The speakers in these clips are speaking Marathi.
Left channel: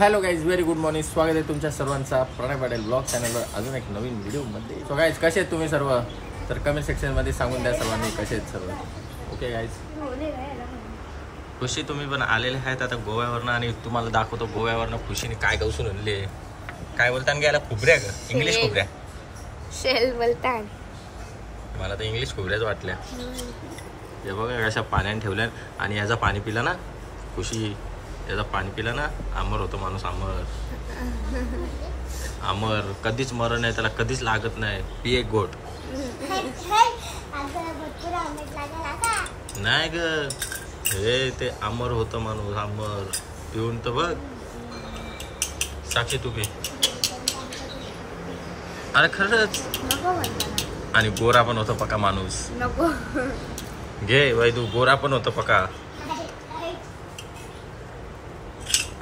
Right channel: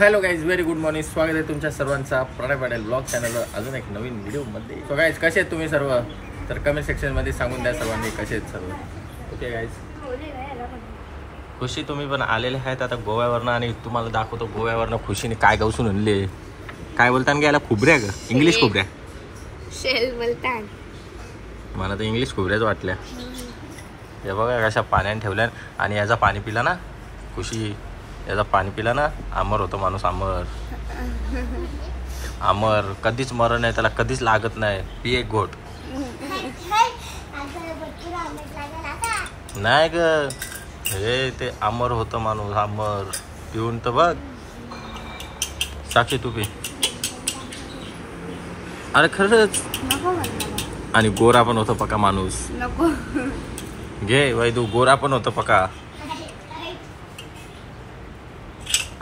Hello guys, very good morning. स्वागत आहे तुमच्या सर्वांचा प्रणय पटेल ब्लॉग चॅनलवर अजून एक नवीन व्हिडिओमध्ये. सो गाईज, कसे आहेत तुम्ही सर्व? तर कमेंट सेक्शनमध्ये सांगून द्या सर्वांनी कसे आहेत सर्व. ओके गाईज, खुशी तुम्ही पण आलेले आहेत आता गोव्यावरनं आणि तुम्हाला दाखवतो गोव्यावरनं खुशीने काय गावसून आणले. काय बोलता ना, याला खुबऱ्या ग, इंग्लिश खुबऱ्या शेल बोलतात. मला तर इंग्लिश खुबऱ्याच वाटल्या. हे बघा कशा पाण्याने ठेवल्या आणि याचा पाणी पिला ना खुशी, याचा पाणी पिला ना अमर होतो माणूस. अमर अमर कधीच मरण नाही, त्याला कधीच लागत नाही. पी एक गोट नाही ग, हे ते अमर होतं माणूस. अमर पिऊन तर बघ. साक्षी तू पी. अरे खरंच. आणि गोरा पण होतो पका माणूस. नको घे वैदू, गोरा पण होतो पका.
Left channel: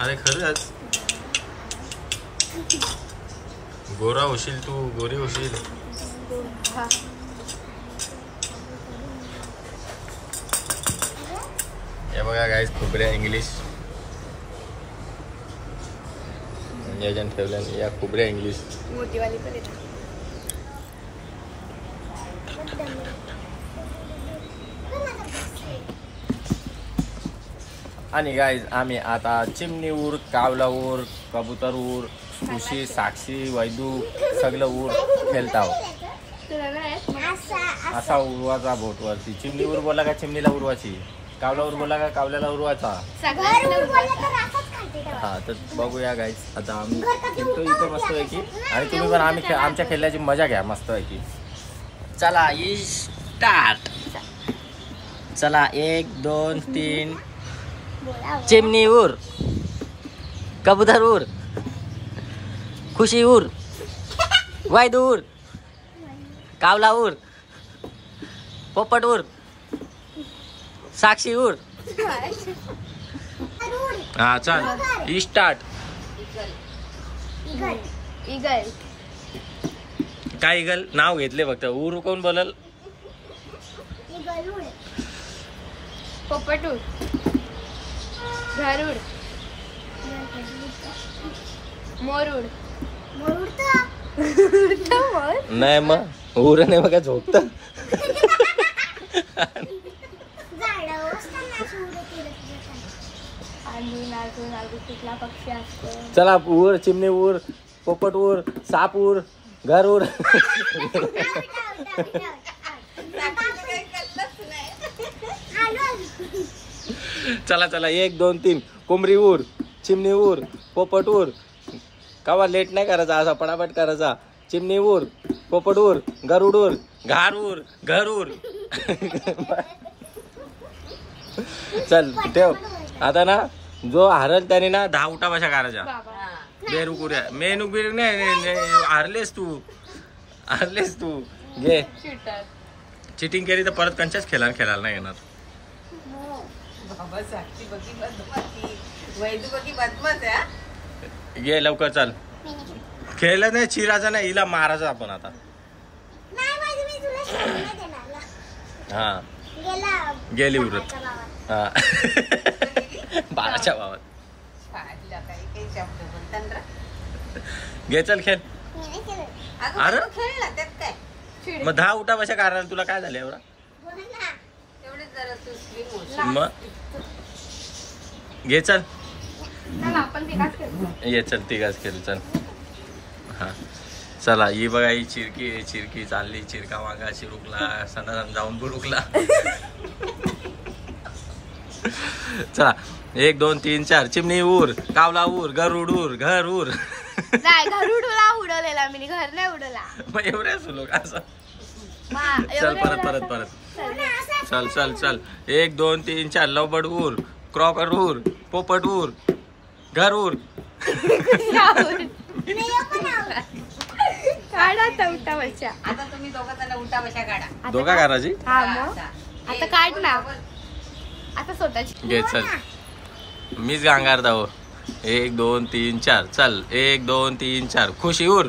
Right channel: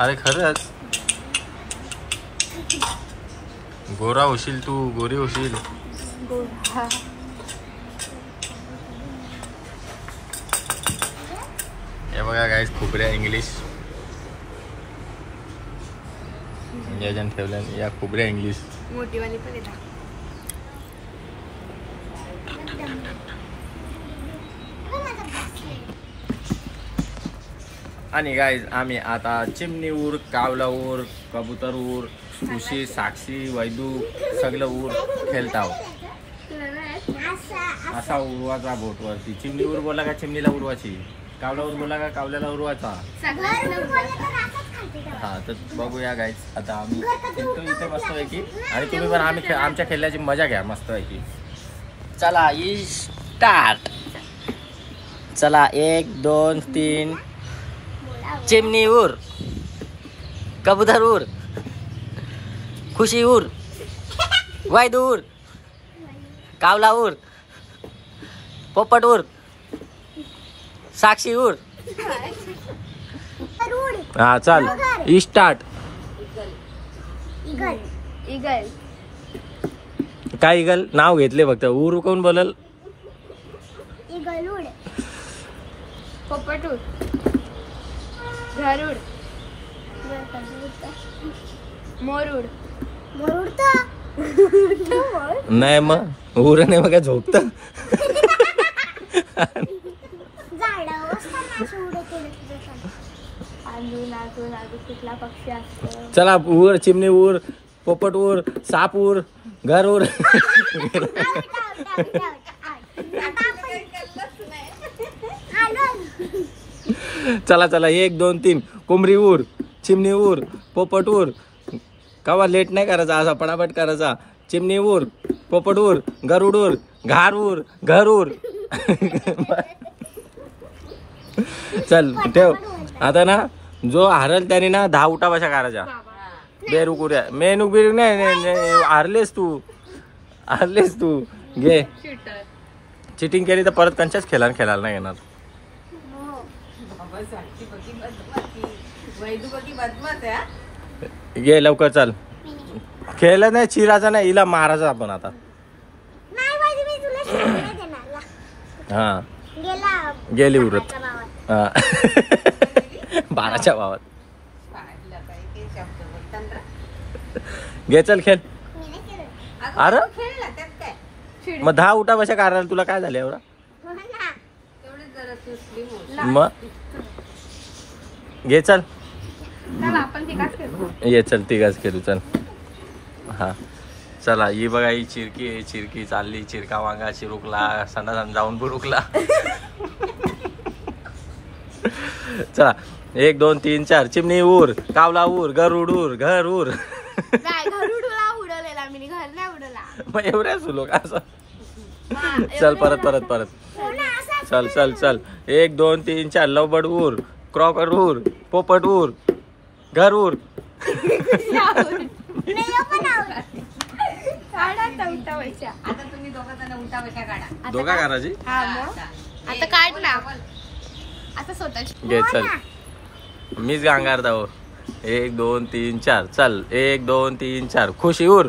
अरे खरंच गोरा होशील तू, गोरी होशील. हे बघा गाईस, खुबऱ्या इंग्लिश याच्यानं ठेवलं. या खुबऱ्या इंग्लिश मोठीवाली पण येतात. आणि गाईज आम्ही आता चिमणी उर, कावला उर, कबूतर उर, खुशी, साक्षी, वैदू सगळं उर खेळत आहोत. असा उरवाचा बोट वरती. चिमणी उर बोला का चिमणीला उरवायची, कावला उर बोला का कावल्याला उरवायचा. हा तर बघूया गाईज, आता आम्ही खेळतो इथे मस्त पैकी आणि तुम्ही पण आम्ही आमच्या खेळण्याची मजा घ्या मस्त पैकी. चला स्टार्ट. चला 1 2 3. चिमणी उर, कबूतर उर, खुशी उर, वैदू उर, कावला उर, पोपट उर, साक्षी उर. हा चल स्टार्ट. इगल. काय इगल नाव घेतले फक्त. उर कोण बोलल? पोपट उर, गरुड, मोर उड. नाही मग उर नाही मग काय झोपत. पक्षी असतो. चला उर, चिमणी उर, पोपट उर, साप उर, घर उर. चला चला 1 2 3. कोंबडी उर, चिमणी उर, पोपट उर. कवा लेट नाही करायचा, असा पटापट करायचा. चिमणी उर, पोपट उर, गरुड उर, घार उर, घर उर. चल ठेव आता ना. जो हारल त्याने ना 10 उठा बशा करायच्या. बेरुकुऱ्या मेनू बिरू नाही. हारलेस तू घे. चिटिंग केली तर परत कंचाच खेळायला नाही येणार. घे लवकर चल. खेळलं नाही, चिराचा नाही, हिला मारायचा आपण आता. हा गेली उरत. बाळाच्या भावात. घे चल खेळ. अरे मग 10 उठा बशा कारण तुला काय झालं एवढा. मग घे चल. ये चल तिघाच करू चल. हा चला ही बघा, ही चिरकी आहे. चिरकी चालली. चिरका वांगा चिरुकला सणासण जाऊन बुरुकला. चला 1 2 3 4. चिमणी उर, कावला उर, गरुड उर, घर उर. मग एवढ्या सुलो का असं. चल परत. चल 1 2 3 4. लवबड उर, क्रॉकर उर, पोपट उर, घर उर. दोघा करायची. आता काढ ना. आता स्वतःची घे चल. मीच गांगार दाव. 1 2 3 4. चल 1 2 3 4. खुशी उर.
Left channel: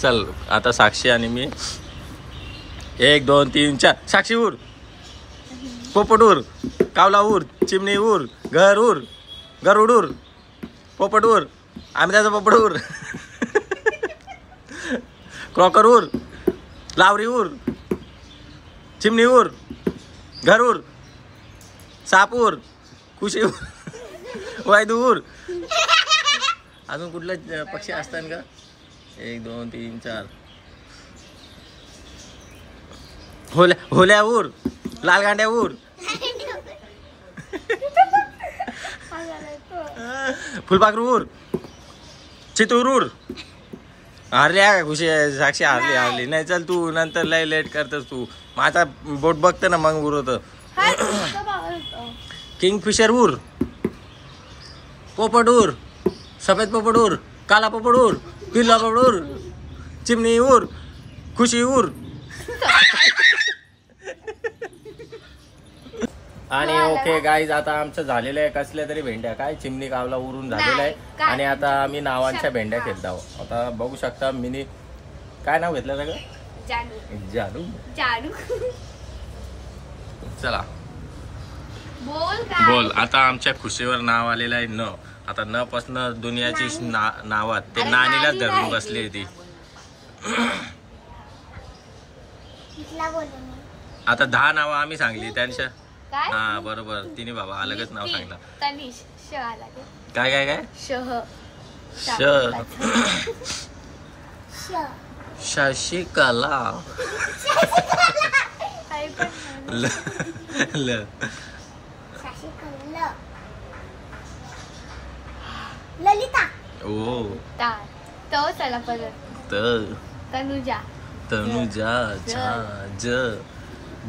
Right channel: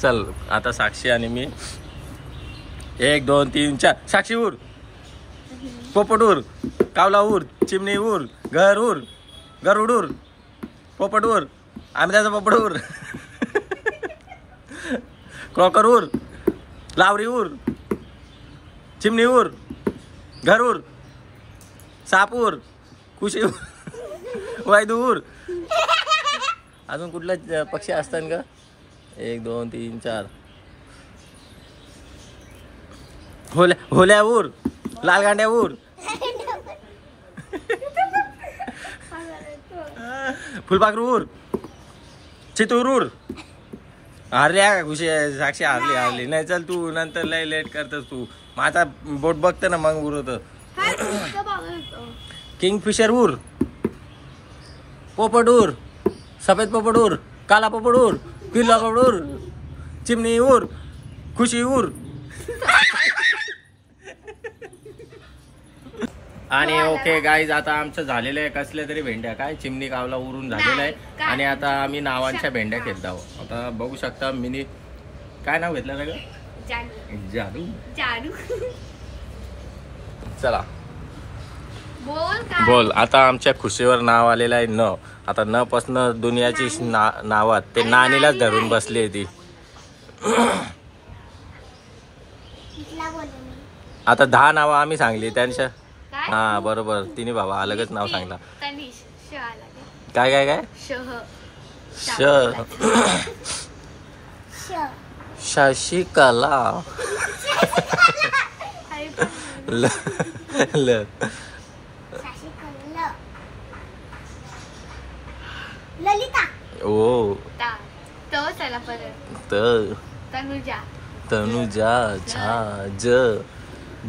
चल आता साक्षी आणि मी 1 2 3 4. साक्षी उर. पोपट उर, कावला उर, चिमणी उर, घर उर, गरुड उर, पोपट उर, आंब्याचा पोपट उर, क्रॉकर उर, लावरी उर, चिमणी उर, घर उर, साप उर, कुशी उर, वायदू उर. अजून कुठला पक्षी असतात का? 1 2 3 4. होल्या उर, लाल गांड्या उर, फुलपाखरू उर, चितूर उर. हारल्या का खुशी आहे? साक्षी हारली नाही. चल तू नंतर लय लेट करतस तू. माझा बोट बघते ना मग उरत. किंगफिशर उर, पोपट उर, सफेद पोपट उर, काला पोपट उर, पिल्ला पोपट उर, चिमणी उर, खुशी उर. आणि ओके गाईज, आता आमचं झालेलं आहे कसल्या तरी भेंड्या, काय चिमणी कावला उरून झालेला आहे. आणि आता आम्ही नावांच्या भेंड्या खेळत आहोत. आता बघू शकता मिनी काय नाव घेतलं सगळं? जादू. चला बोल. आता आमच्या खुशीवर नाव आलेलं आहे न. आता न पासन दुनियाची नावात ते नानीलाच धरून बसली आहे ती. आता 10 नावं आम्ही सांगली त्यांच्या. हा बरोबर, तिने बाबा अलगच नाव सांगला. काय काय काय? शशिकला, ललिता, ओ तनुजा,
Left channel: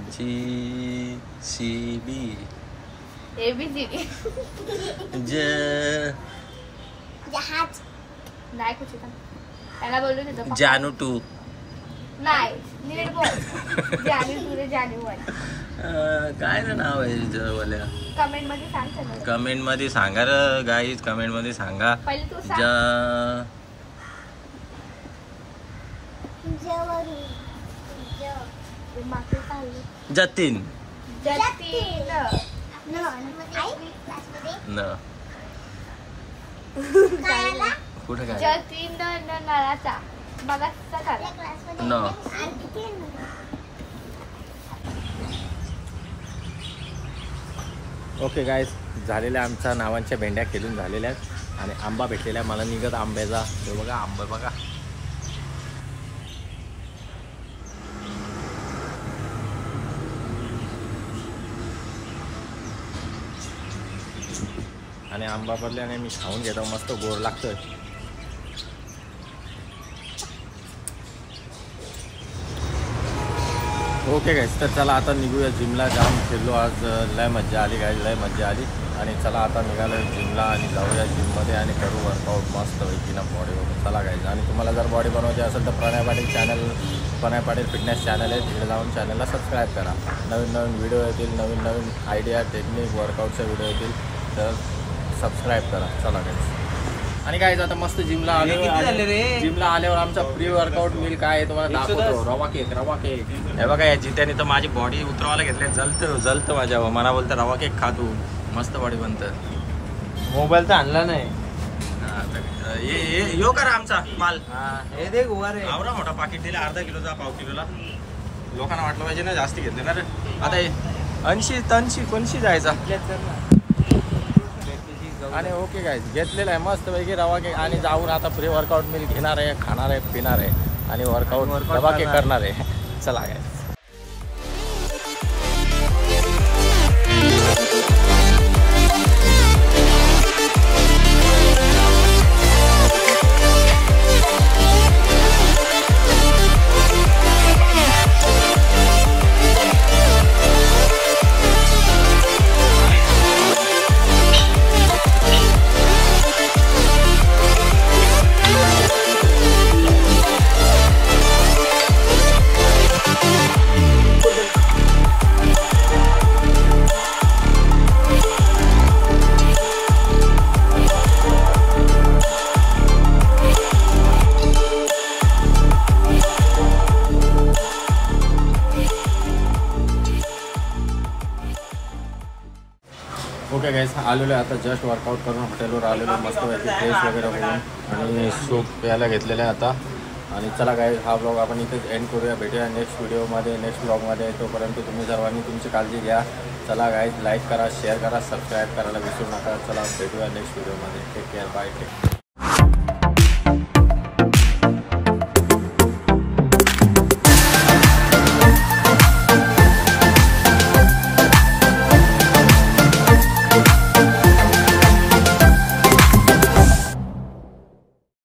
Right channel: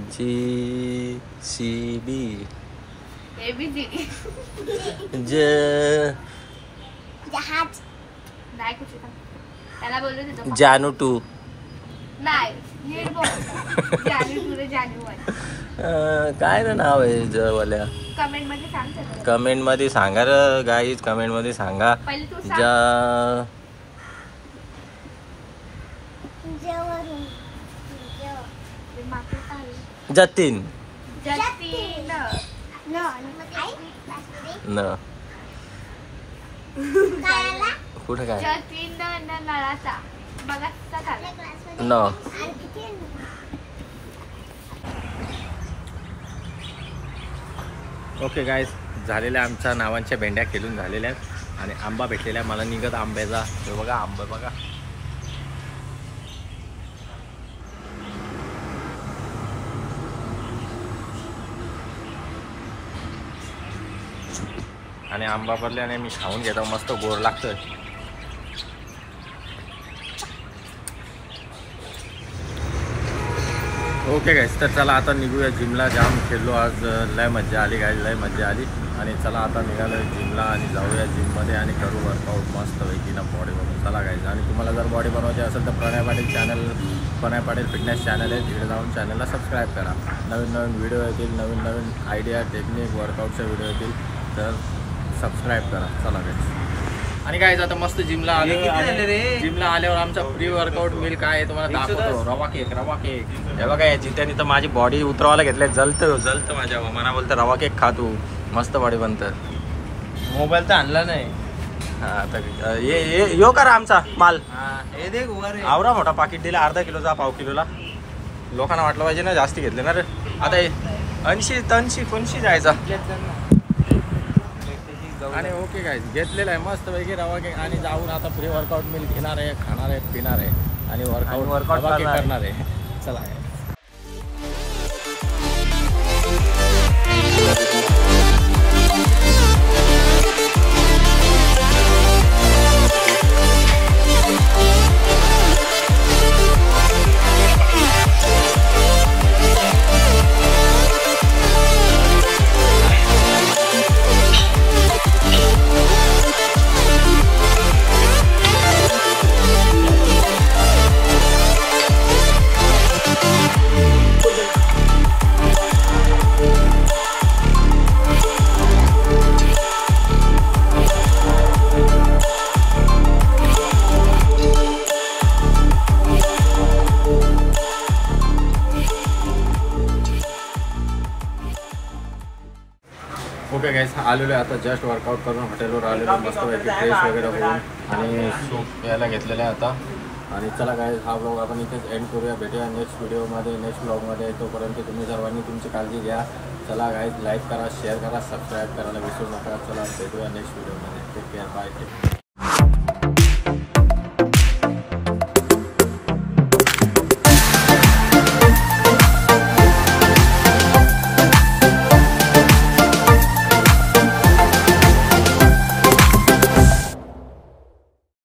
JCB, जानू 2. काय ना नाव आहे जवाल्या? कमेंट मध्ये सांगा रे गाईज, कमेंट मध्ये सांगा. जतीन न कुठं काय न. ओके गाईज, झालेल्या आमच्या नावांच्या भेंड्या खेळून झालेल्या आहेत. आणि आंबा भेटलेला मला निघत आंब्याचा. हे बघा आंबा बघा. आणि आंबा पडल्याने मी खाऊन घेतो, मस्त गोड लागतं. ओके गाईज, तर चला आता निघूया जिमला. जाम खेळलो आज, लय मज्जा आली गाईज, लय मज्जा आली. आणि चला आता निघालो जिमला आणि जाऊया जिममध्ये आणि करू वर्कआउट मस्त पैकी ना बॉडी बनवून. चला गाईज, आणि तुम्हाला जर बॉडी बनवायची असेल तर प्रणय पाटील चॅनल, प्रणय पाटील फिटनेस चॅनल आहे, तिकडे जाऊन चॅनलला सबस्क्राईब करा. नवीन नवीन व्हिडिओ येतील, नवीन नवीन आयडिया, टेक्निक, वर्कआउटचे व्हिडिओ येतील, तर सबस्क्राईब करा. चला गाईज, आणि गाईज आता मस्त जिमला आलो. जिमला आल्यावर आमचा प्री वर्कआउट मिल काय आहे तुम्हाला दाखवतो. रवा केक. हे बघा या जित्याने तर माझी बॉडी उतरवायला घेतली. जलतं माझ्या मना. बोलतं रवा केक खा तू, मस्त बॉडी बनतं. मोबाईल तर आणला नाही. हा तर यो करा आमचा माल. आवरा मोठा पाकिट दिला, अर्धा किलोचा, पाव किलोला. लोकांना वाटलं पाहिजे ना जास्ती घेतले ना रे. आता 80 कोणशी जायचा. आणि ओके गाईज, घेतलेलं आहे मस्त पैकी रवा केक. आणि जाऊन आता प्री वर्कआउट मिल घेणार आहे, खाणार आहे, पिणार आहे आणि वर्कआउट रवा केक करणार आहे. चला गाईज. ओके गाईस आलेलो आहे आता जस्ट वर्कआउट करून हॉटेलवर आलेलो मस्तपैकी फ्रेश वगैरे होऊन आणि सूप प्यायला घेतलेलं आहे आता. आणि चला गाईस हा ब्लॉग आपण इथेच एंड करूया. भेटूया नेक्स्ट व्हिडिओमध्ये नेक्स्ट ब्लॉगमध्ये. तोपर्यंत तुम्ही सर्वांनी तुमची काळजी घ्या. चला गाईस लाईक करा शेअर करा सबस्क्राईब करायला विसरू नका. चला भेटूया नेक्स्ट व्हिडिओमध्ये. Take care bye take.